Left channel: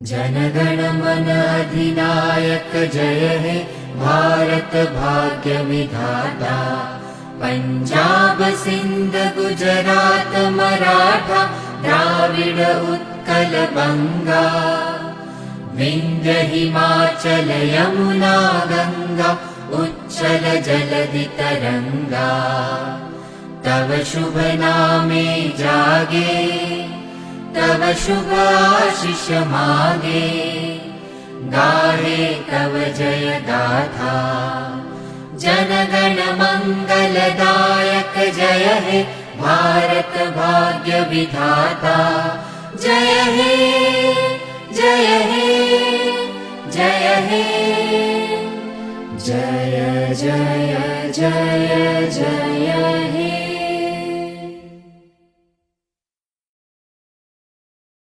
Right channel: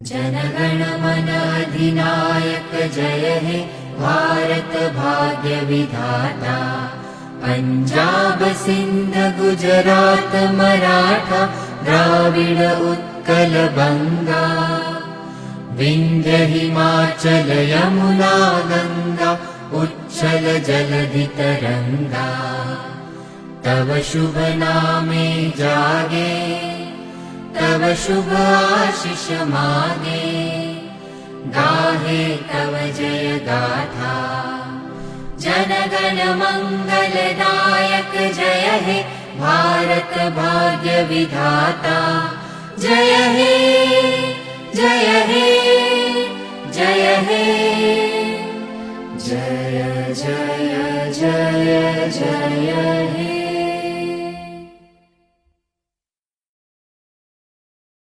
जनगण मन अधिनायक जय हे भारत भाग्य विधाता। पंजाब सिंध गुजरात मराठा द्राविड उत्कल बंगा। विंध्य हिमाचल यमुना गंगा उच्छल जलधि तरंगा। तव शुभ नामे जागे तव शुभ आशीष मागे। गाहे तव जय गाथा जनगण मंगलदायक जय हे भारत भाग्य विधाता। जय हे जय हे जय हे जय जय जय जय।